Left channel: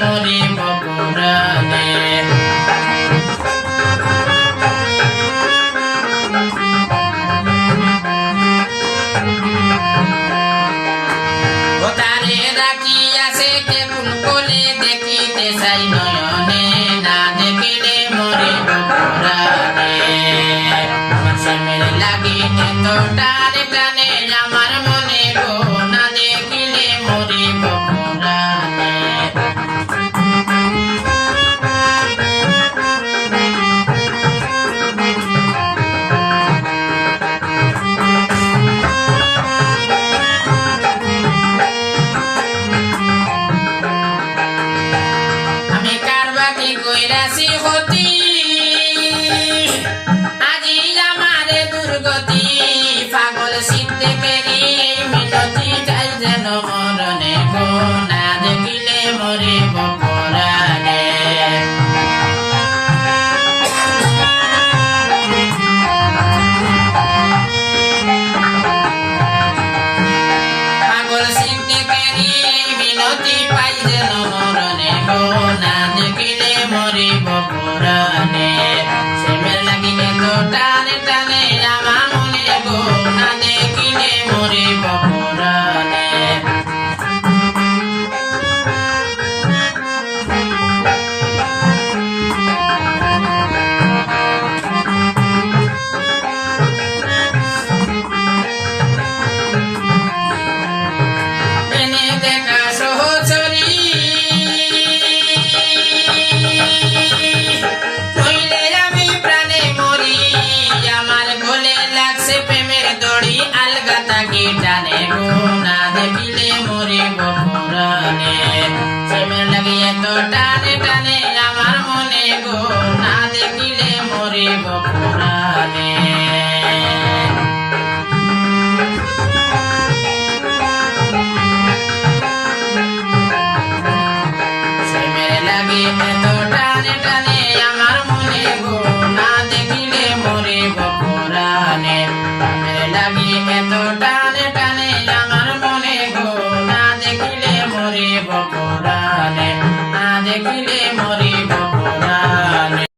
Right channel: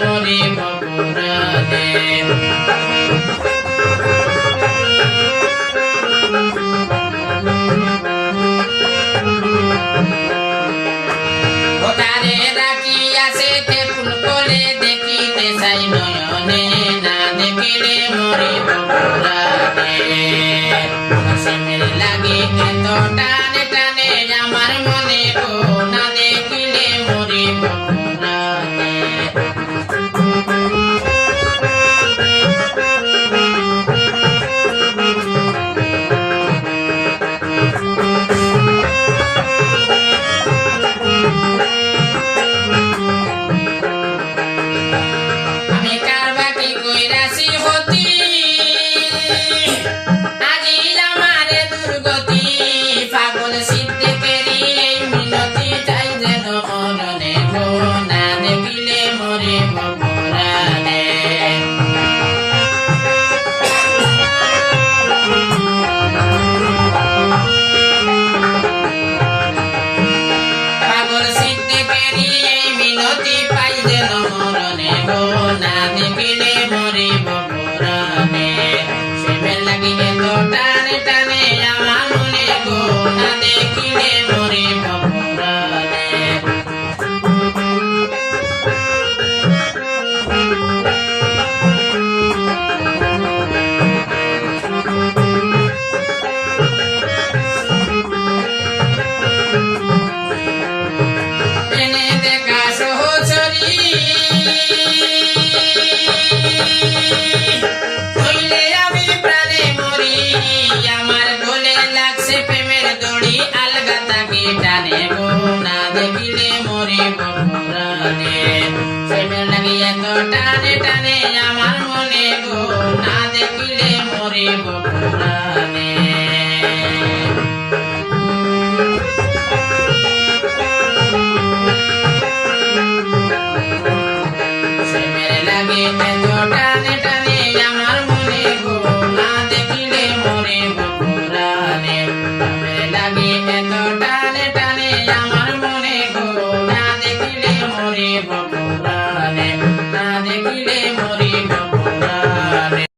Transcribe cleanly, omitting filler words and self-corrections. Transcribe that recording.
মরিব পুরাণে। তারে রাখিয়াছে কেবল কোলে দেখিতে চাই নয়নে, না দেখিলে মরিব পুরাণে। প্রেমের লাগি এত টানে টানে আমার মনে গো, না দেখিলে মরিব পুরাণে। আমি কারবাটি কইরাছি হতি, আজি আমারে দুর্গতি। পাগল সিদ্ধে পেরি মিনতি চাই যেন মরণে গো, না দেখিলে মরিব পুরাণে। পাগল সিদ্ধে পেরি মিনতি পাই যেন মরণে গো, না দেখিলে মরিব পুরাণে। প্রেমের লাগি এত টানে টানে আমার মনে গো, না দেখিলে মরিব পুরাণে। ট্রেনে দেখা সহচরী হইলে আমি প্রাণে মরি, আমার গলে লাগছে প্রেমের দড়ি, আলগা তাকে টানে গো, না দেখিলে মরিব পুরাণে। প্রেমের লাগি এত টানে টানে আমার মনে গো, না দেখিলে মরিব পুরাণে। প্রেমের লাগি এত টানে টানে আমার মনে গো, না দেখিলে মরিব পুরাণে। প্রেমের লাগি এত টানে টানে আমার